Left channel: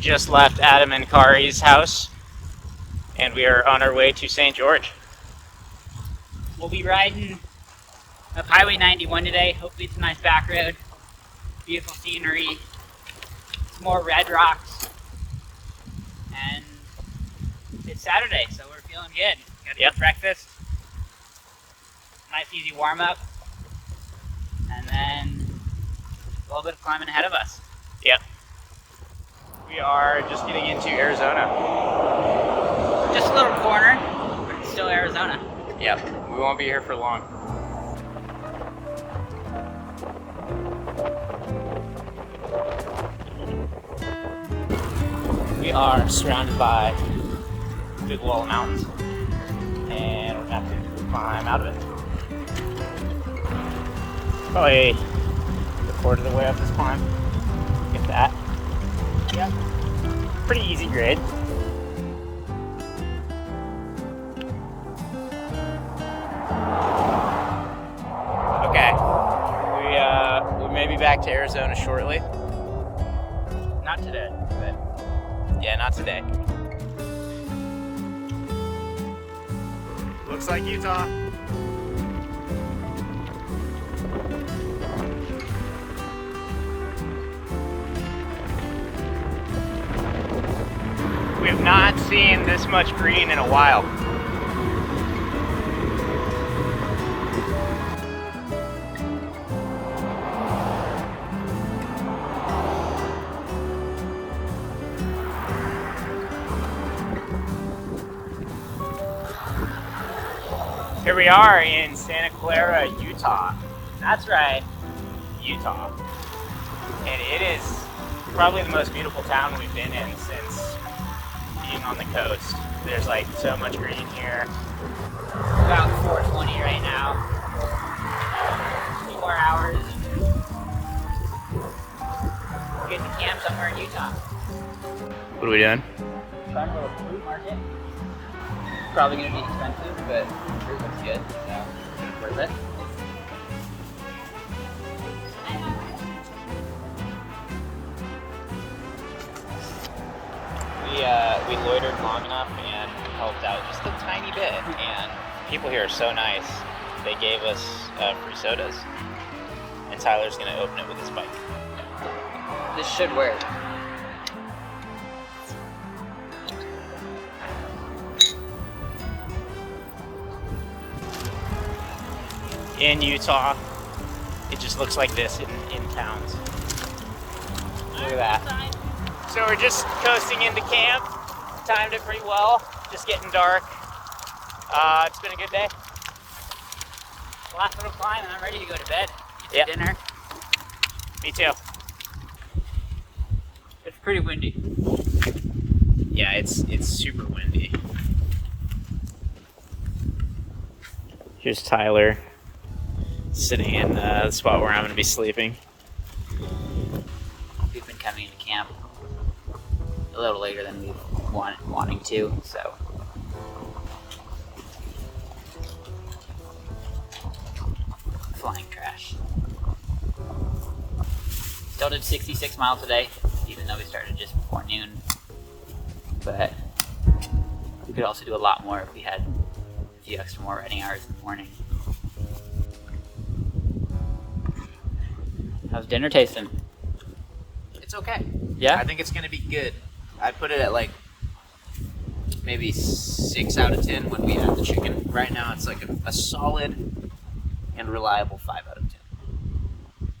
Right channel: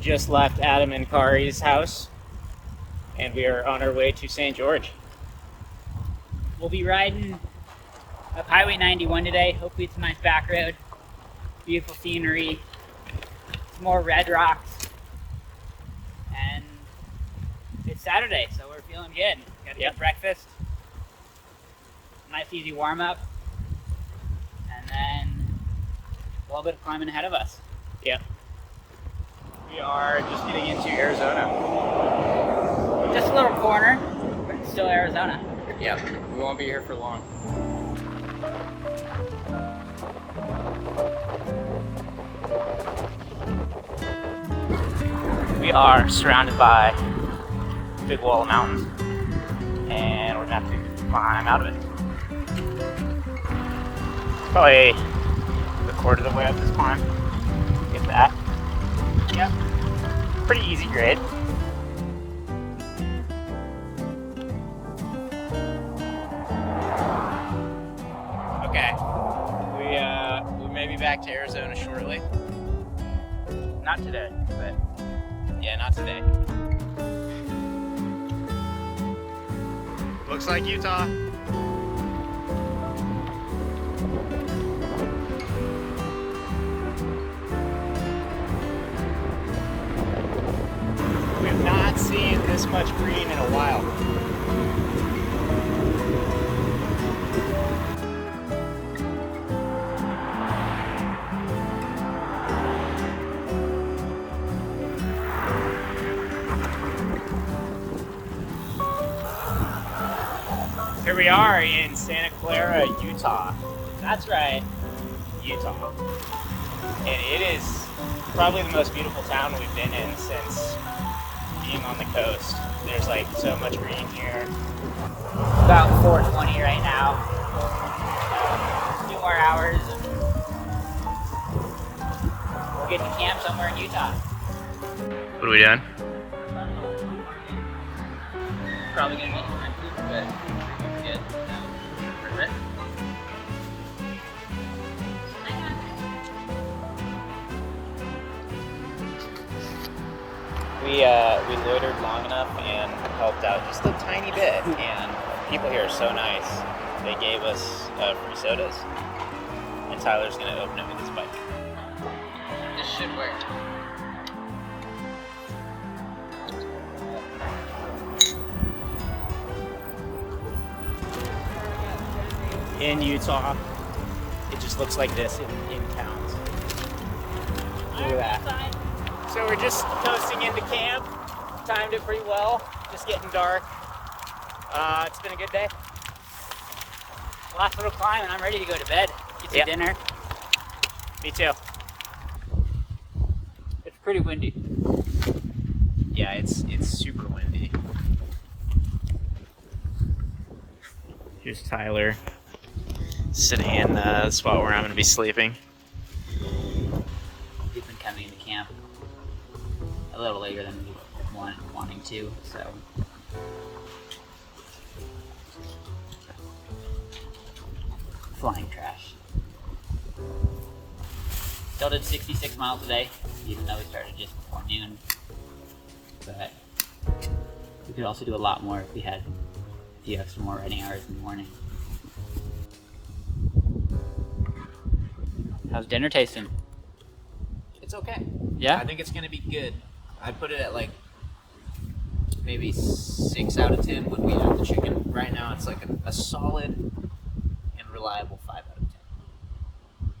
just left Adam and Kari's house, and we are on our way to St. George. We'll be riding up Highway 91 today. Hopefully it's a nice back road. Beautiful scenery. Some more red rocks. And it's Saturday, so we're feeling good. Got to get breakfast. Nice easy warm up. And then a little bit of climbing ahead of us. Yep. We are just getting into Arizona. Just a little corner, but it's still Arizona. Yep. We won't be here for long. We are surrounded by big wall of mountains, and we're gonna have to climb out of it. Probably a quarter of the way up this climb, like that. Yep. Pretty easy grade. Okay. We may be back to Arizona shortly. Not today, but yeah, not today. Looks like Utah. We have not seen this much green in a while. Here we are in Santa Clara, Utah. That's right, Utah. And it is probably the most beautiful town that we've been in since being on the coast. There's like so much green here. About 4:20 right now. A few more hours. We'll get to camp somewhere in Utah. What are we doing? Fun little food market. Probably gonna be expensive, but it's good. So worth it. We loitered long enough and helped out just a tiny bit, and people here are so nice. They gave us free sodas, and Tyler's gonna open it with his bike. This should work. In Utah, it just looks like this in towns. Look at that. So we're just coasting into camp. Timed it pretty well. Just getting dark. It's been a good day. Last little climb and I'm ready to go to bed. Get some dinner. Me too. It's pretty windy. Yeah, it's super windy. Here's Tyler sitting in the spot where I'm going to be sleeping. We've been coming into camp a little later than we wanting to, so flying trash. Still did 66 miles a day, even though we started just before noon. But we could also do a lot more if we had a few extra more riding hours in the morning. How's dinner tasting? It's okay. Yeah? I think it's going to be good. I put it at like maybe 6 out of 10 when we had the chicken. Right now it's like a solid and reliable 5 out of 10.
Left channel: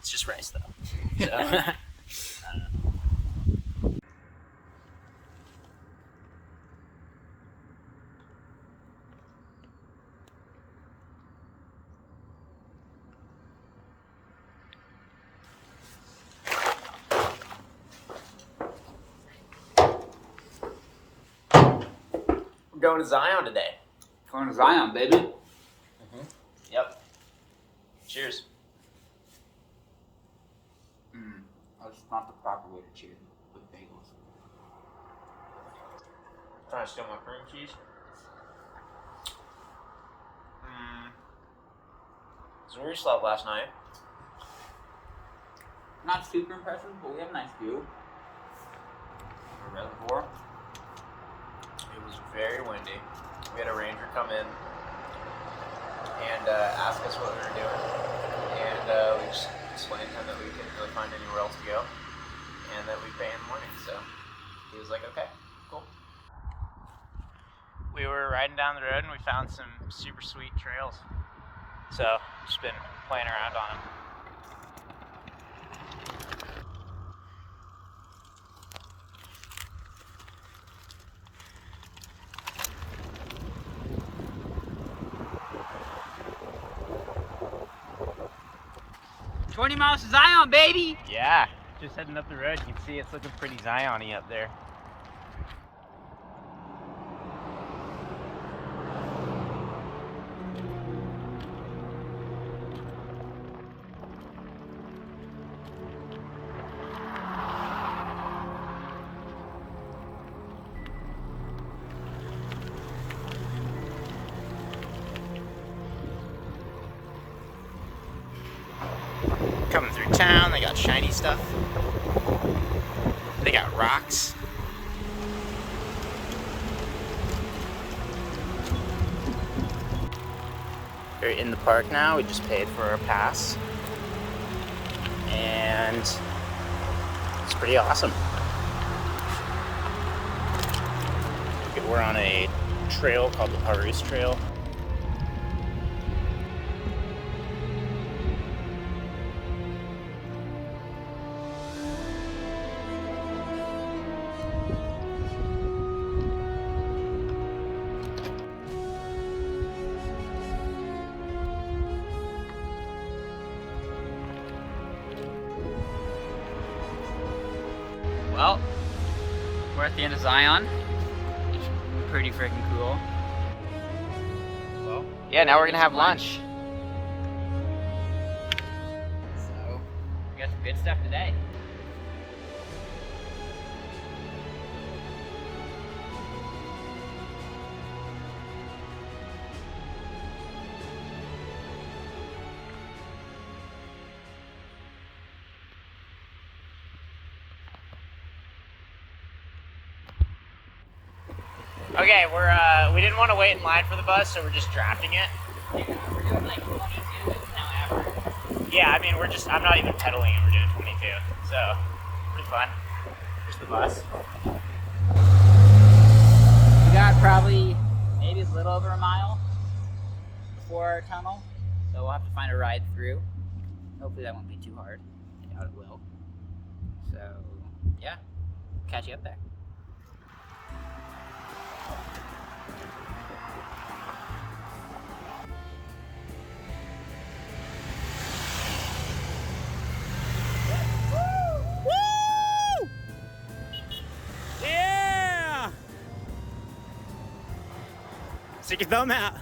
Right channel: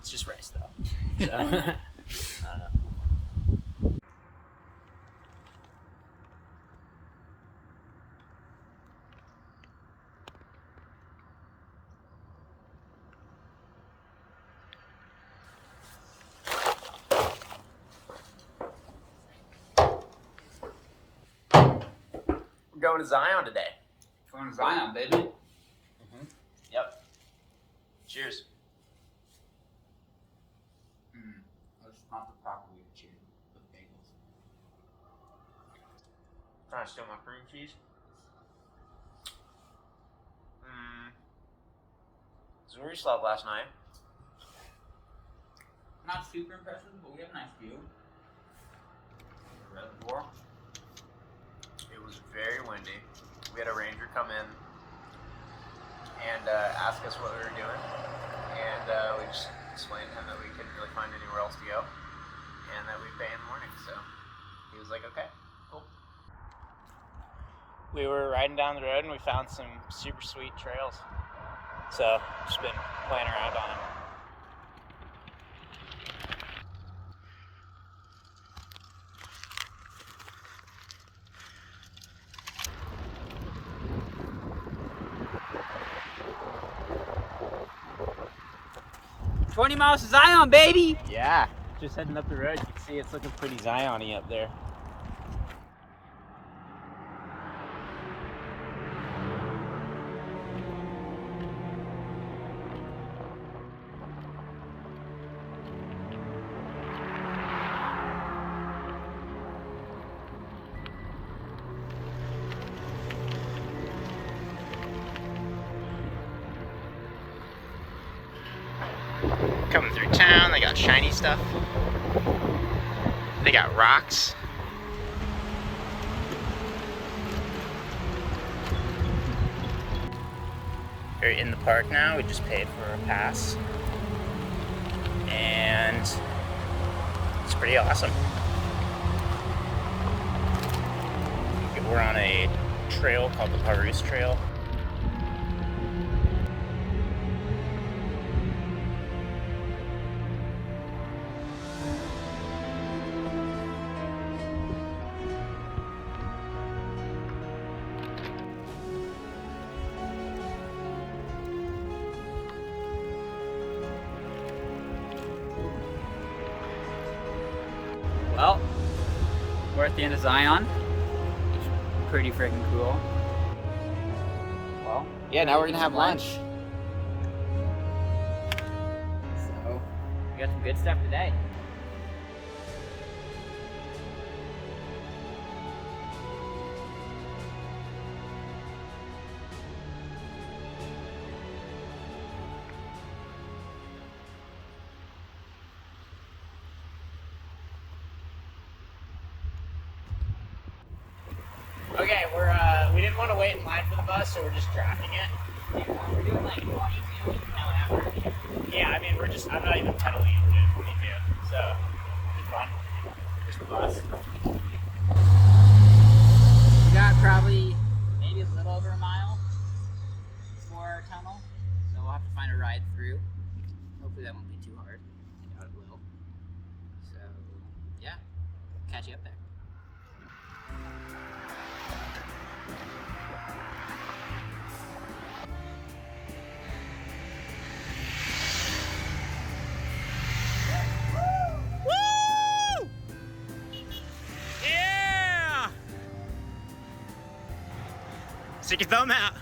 It's just rice though. So, I don't know. We're going to Zion today. Going to Zion, baby. Mm-hmm. Yep. Cheers. That's not the proper way to cheers with bagels. Trying to steal my cream cheese. So where you slept last night? Not super impressive, but we have a nice view. reservoir. It was very windy. We had a ranger come in and ask us what we were doing, and we just explained to him that we couldn't really find anywhere else to go, and that we'd pay in the morning. So he was like, okay, cool. We were riding down the road and we found some super sweet trails. So just been playing around on it. "20 miles to Zion, baby!" Yeah, just heading up the road. You can see it's looking pretty Zion-y up there. Coming through town, they got shiny stuff. They got rocks. We're in the park now. We just paid for our pass. And it's pretty awesome. We're on a trail called the Paris Trail. Well, we're at the end of Zion. Pretty freaking cool. Well, Yeah, now we're gonna have lunch. So, we got some good stuff today. Okay, we didn't want to wait in line for the bus, so we're just drafting it. Yeah, we're doing like 22 however. Yeah, I mean, I'm not even pedaling it, we're doing 22, so pretty fun. Just the bus. We got probably maybe a little over a mile before our tunnel, so we'll have to find a ride through. Hopefully that won't be too hard. I doubt it will. So, yeah, catch you up there. Yeah! Stick your thumb out.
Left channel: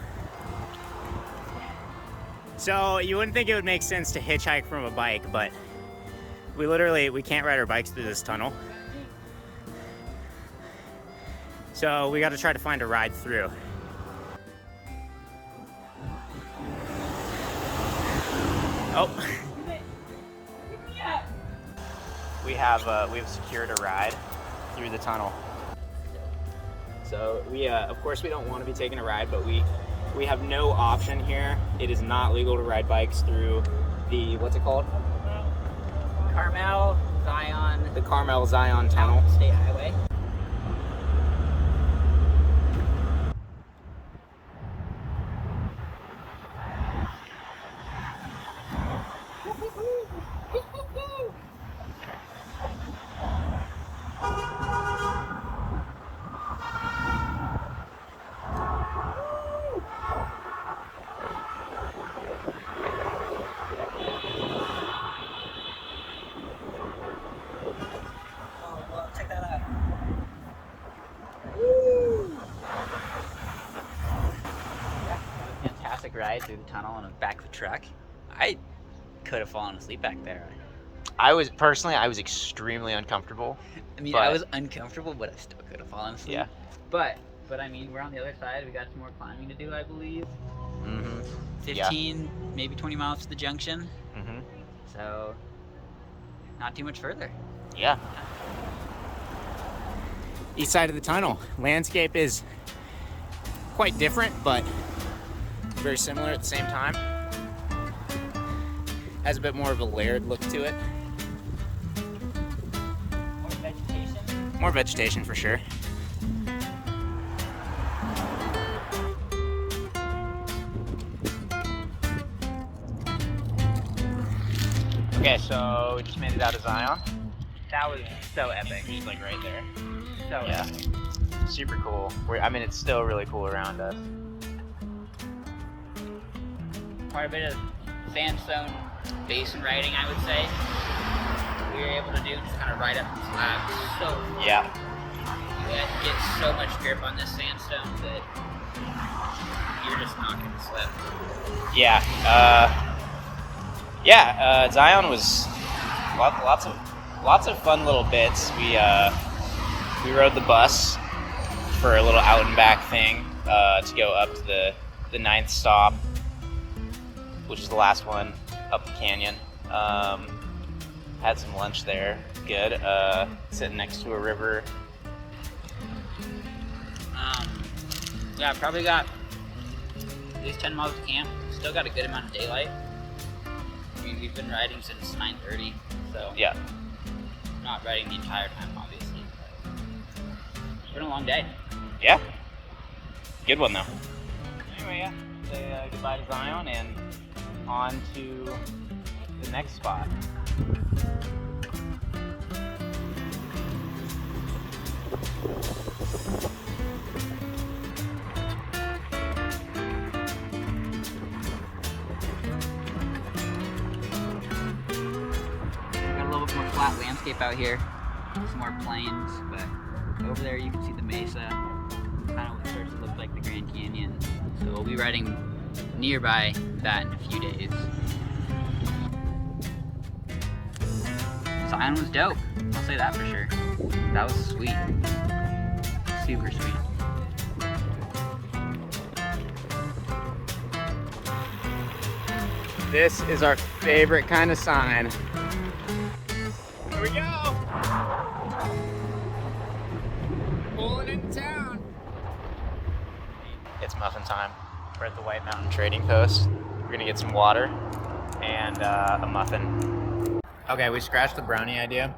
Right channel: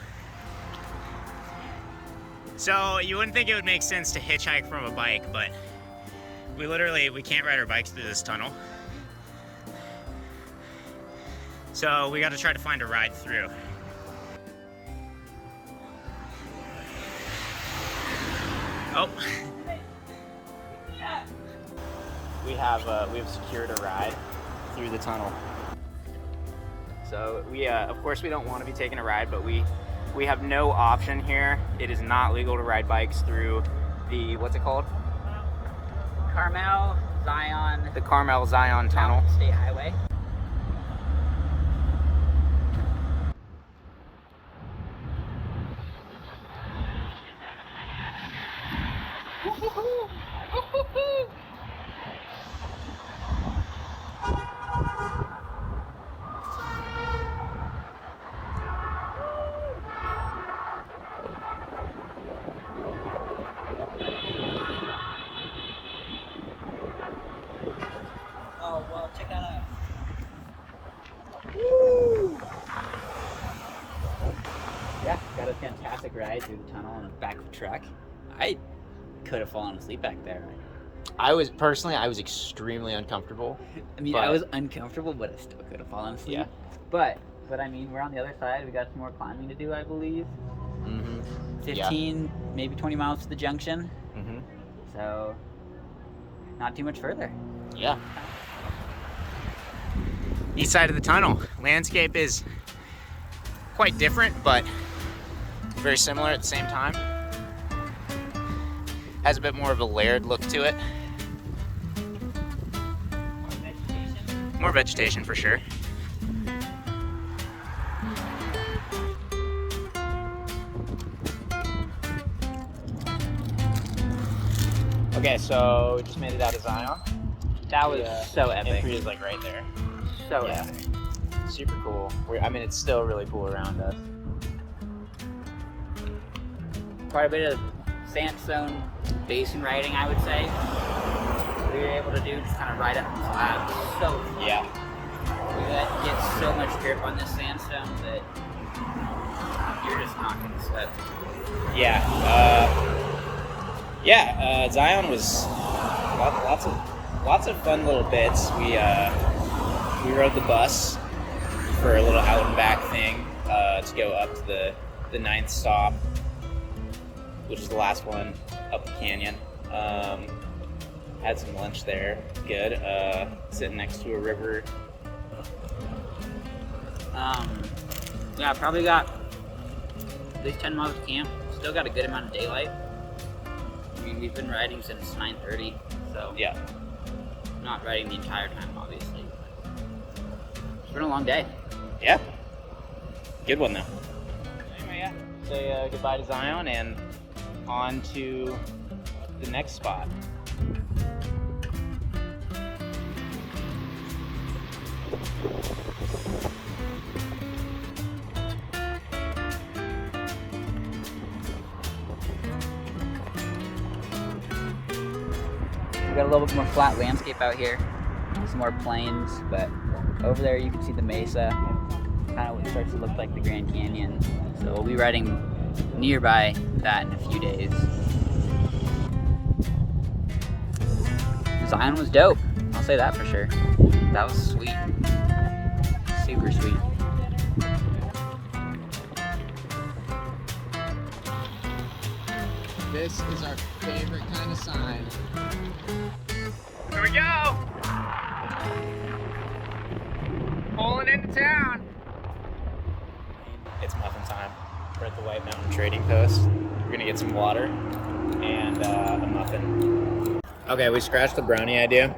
So you wouldn't think it would make sense to hitchhike from a bike, but we can't ride our bikes through this tunnel. So we got to try to find a ride through. Oh. We've secured a ride through the tunnel. So of course we don't want to be taking a ride, but we have no option here. It is not legal to ride bikes through the, what's it called? Carmel, Zion. The Carmel Zion Tunnel. Mountain State Highway. Check that out. Woo! Yeah, got a fantastic ride through the tunnel on the back of a truck. I could have fallen asleep back there. I was extremely uncomfortable. I mean, I was uncomfortable, but I still could have fallen asleep. Yeah. But I mean, we're on the other side. We got some more climbing to do, I believe. Mm-hmm. 15, maybe 20 miles to the junction. Mm-hmm. So, not too much further. Yeah. east side of the tunnel. Landscape is quite different, but very similar at the same time. Has a bit more of a layered look to it. More vegetation for sure. Okay, so we just made it out of Zion. That was so epic. Entry is like right there. So Yeah, epic. super cool. I mean, it's still really cool around us. Quite a bit of sandstone basin riding, I would say. We were able to do just kind of ride up the slabs. So fun. Yeah. We had to get so much grip on this sandstone that you're just not going to slip. Yeah. Zion was lots of fun little bits. We rode the bus for a little out and back thing to go up to the 9th stop, which is the last one up the canyon. Had some lunch there. Good. Sitting next to a river. Yeah, probably got at least 10 miles of camp. Still got a good amount of daylight. I mean, we've been riding since 9:30, so Yeah. not riding the entire time, obviously. But it's been a long day. Yeah. Good one though. Anyway, yeah. Say goodbye to Zion and on to the next spot. We got a little bit more flat landscape out here, some more plains, but over there you can see the mesa, kind of what starts to look like the Grand Canyon. So we'll be riding nearby that in a few days. Zion was dope, I'll say that for sure. That was sweet, super sweet. This is our favorite kind of sign. Here we go! Pulling into town. It's muffin time. We're at the White Mountain Trading Post. We're gonna get some water and a muffin. Okay, we scratched the brownie idea.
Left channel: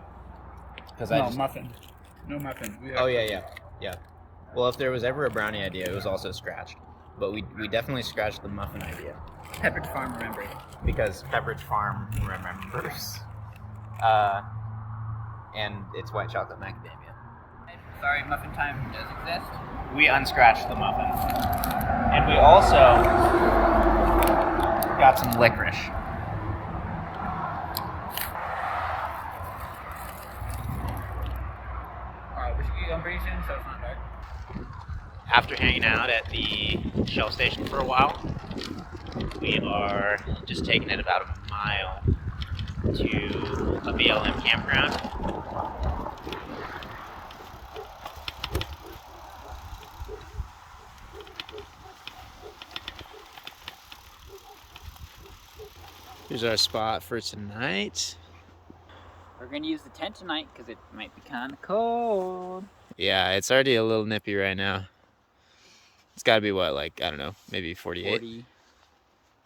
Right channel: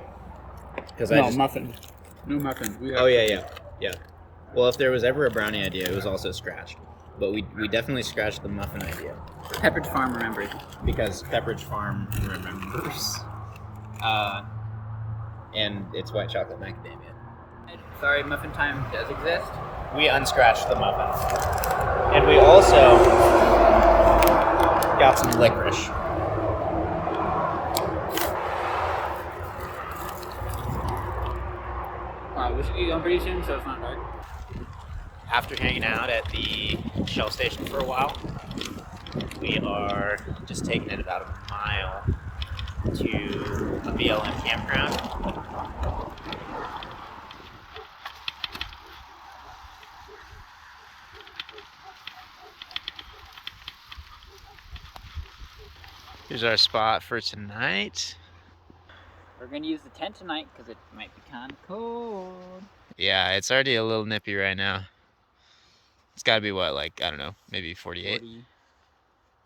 Muffin. No muffin. Oh yeah. Well, if there was ever a brownie idea, it was also scratched. But we definitely scratched the muffin idea. Pepperidge Farm remembered. Because Pepperidge Farm remembers. And it's white chocolate macadamia. Sorry, muffin time does exist. We unscratched the muffin. And we also got some licorice. Alright, we should get going pretty soon so it's not dark. After hanging out at the Shell station for a while, we are just taking it about a mile to a BLM campground. Here's our spot for tonight. We're gonna use the tent tonight because it might be kind of cold. Yeah, it's already a little nippy right now. It's gotta be what, like, I don't know, maybe 48? 40,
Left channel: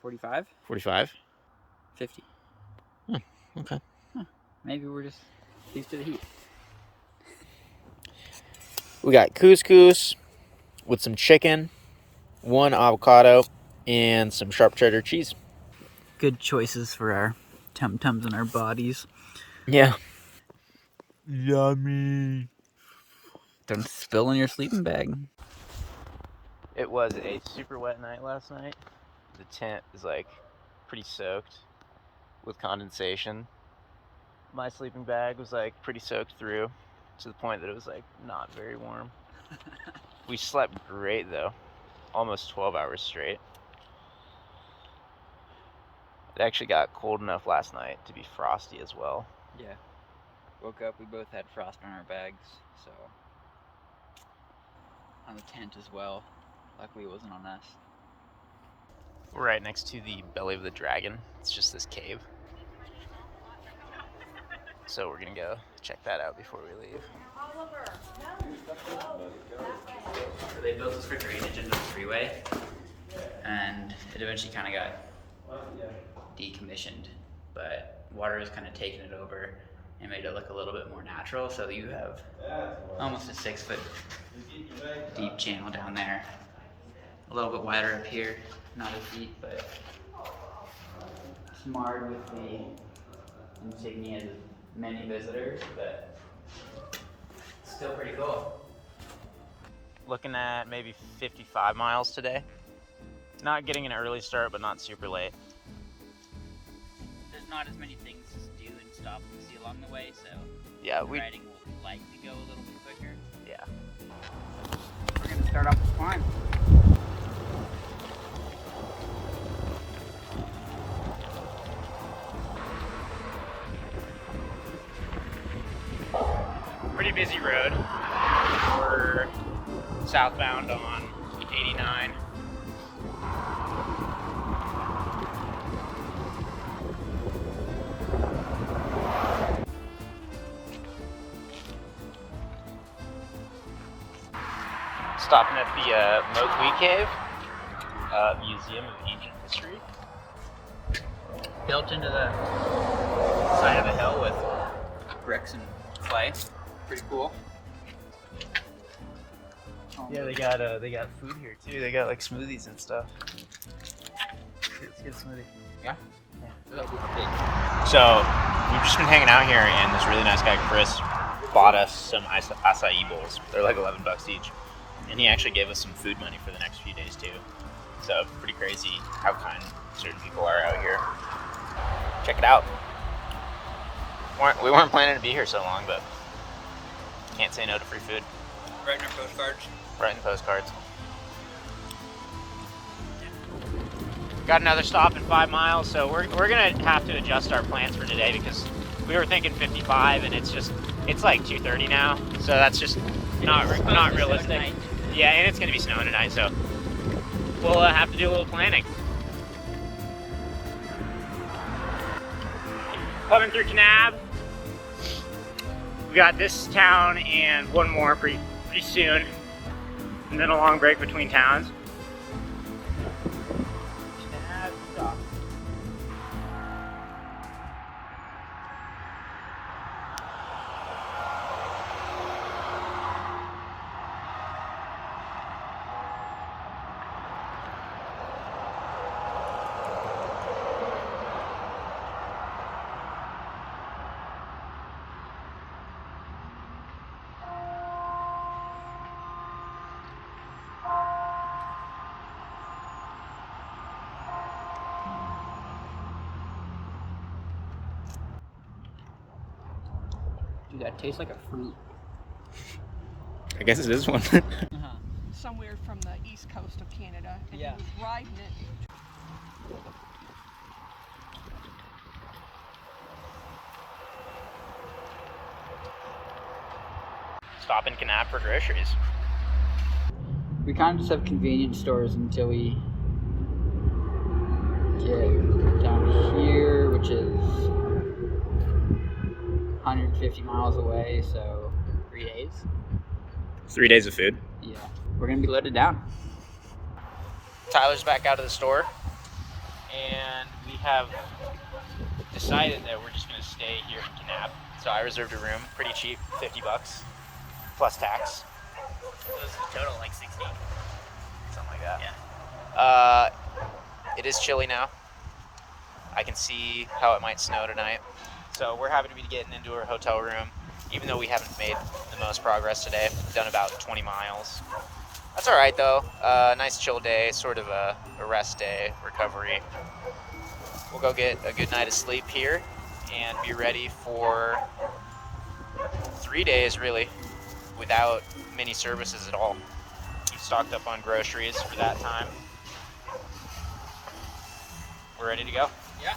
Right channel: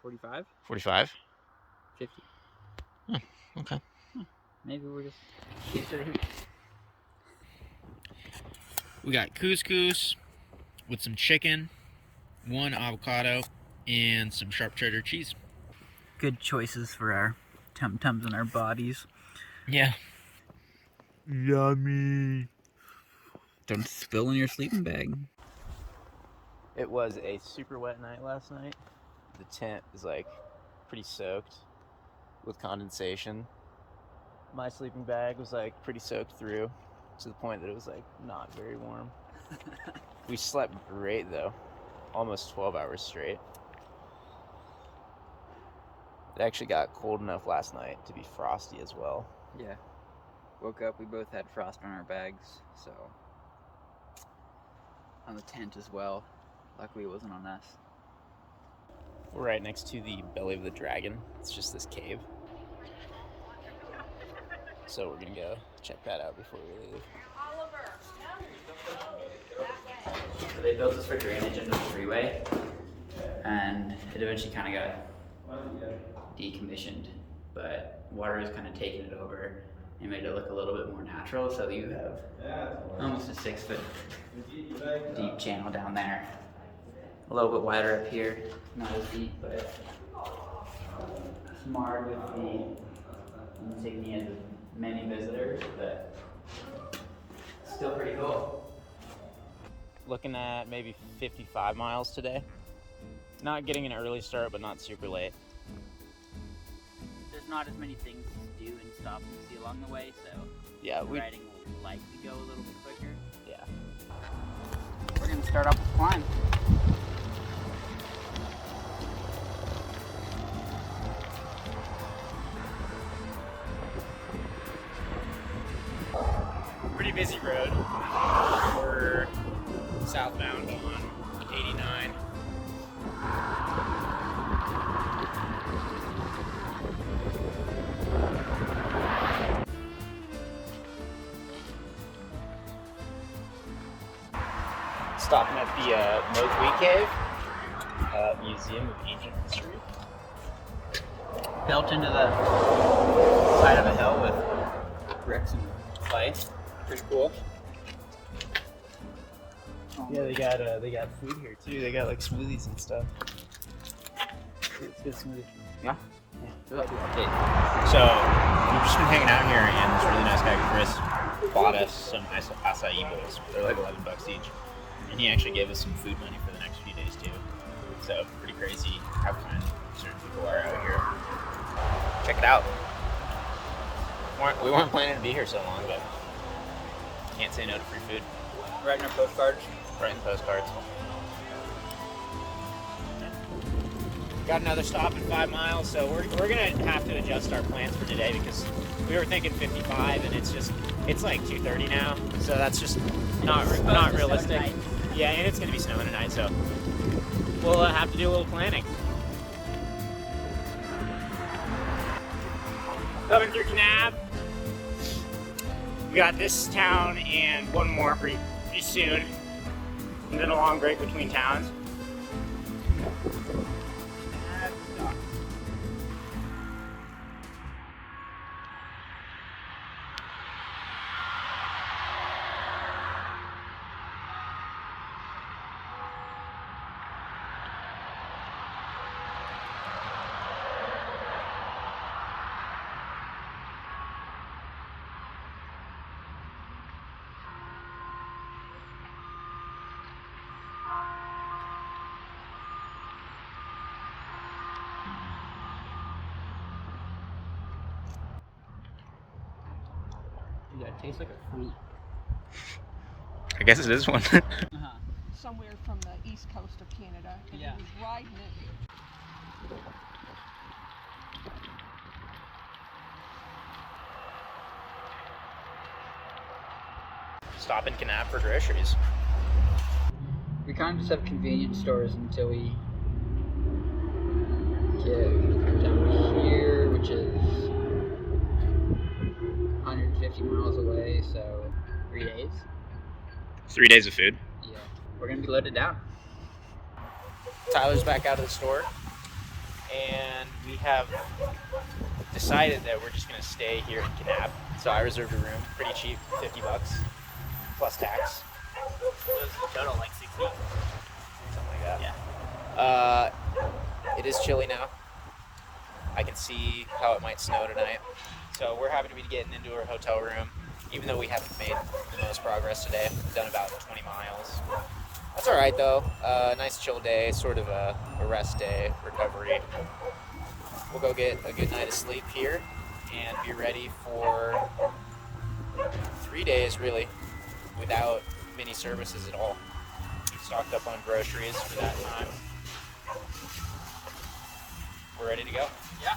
45? 45? 50. Okay. Maybe we're just used to the heat. We got couscous with some chicken, 1 avocado, and some sharp cheddar cheese. Good choices for our tum-tums and our bodies. Yeah. Yummy. Don't spill in your sleeping bag. It was a super wet night last night. The tent is like pretty soaked with condensation. My sleeping bag was like pretty soaked through to the point that it was like not very warm. We slept great though, almost 12 hours straight. It actually got cold enough last night to be frosty as well. Yeah. Woke up, we both had frost on our bags, so. On the tent as well. Luckily it wasn't on us. We're right next to the belly of the dragon. It's just this cave. So we're gonna go check that out before we leave. So they built this for drainage into the freeway, and it eventually kind of got decommissioned, but water has kind of taken it over and made it look a little bit more natural. So you have almost a 6-foot deep channel down there, a little bit wider up here, not as deep, but smart with the insignia of many visitors, but still pretty cool. Looking at maybe 55 miles today. Not getting an early start, but not super late. There's not as many things to do and stop and see along the way, so Yeah, riding will likely go a little bit quicker. Yeah. We're gonna start off the climb. Pretty busy road. We're southbound on 89. Stopping at the Moqui Cave, Museum of Ancient History. Built into the side of the hill with bricks and clay. Pretty cool. Yeah, they got food here too. They got like smoothies and stuff. Let's get a smoothie. Yeah? Yeah. So we've just been hanging out here, and this really nice guy Chris bought us some acai bowls. They're like $11 each, and he actually gave us some food money for the next few days too. So pretty crazy how kind certain people are out here. Check it out. We weren't planning to be here so long, but can't say no to free food. Writing our postcards. Writing postcards. Got another stop in 5 miles, so we're gonna have to adjust our plans for today because we were thinking 55, and it's like 2:30 now, so that's just not realistic. Yeah, and it's gonna be snowing tonight, so we'll have to do a little planning. Coming through Kanab. We got this town and one more pretty soon, and then a long break between towns. Dude, that tastes like a fruit. I guess it is one. Somewhere from the east coast of Canada, and Yeah. he was riding it. Stop in Kanab for groceries. We kind of just have convenience stores until we get down here, which is 150 miles away, so 3 days. 3 days of food. Yeah, we're gonna be loaded down. Tyler's back out of the store, and we have decided that we're just gonna stay here in Kanab. So I reserved a room, pretty cheap, $50 plus tax. It was a total like 60. Something like that. Yeah. It is chilly now. I can see how it might snow tonight. So we're happy to be getting into our hotel room, even though we haven't made the most progress today. We've done about 20 miles. That's all right though. Nice chill day, sort of a rest day, recovery. We'll go get a good night of sleep here and be ready for 3 days really, without many services at all. We've stocked up on groceries for that time. We're ready to go. Yeah.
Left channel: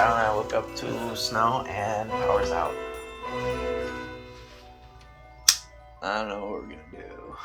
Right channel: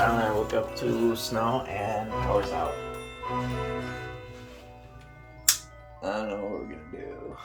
silent. I woke up to snow and power's out. I don't know what we're gonna do.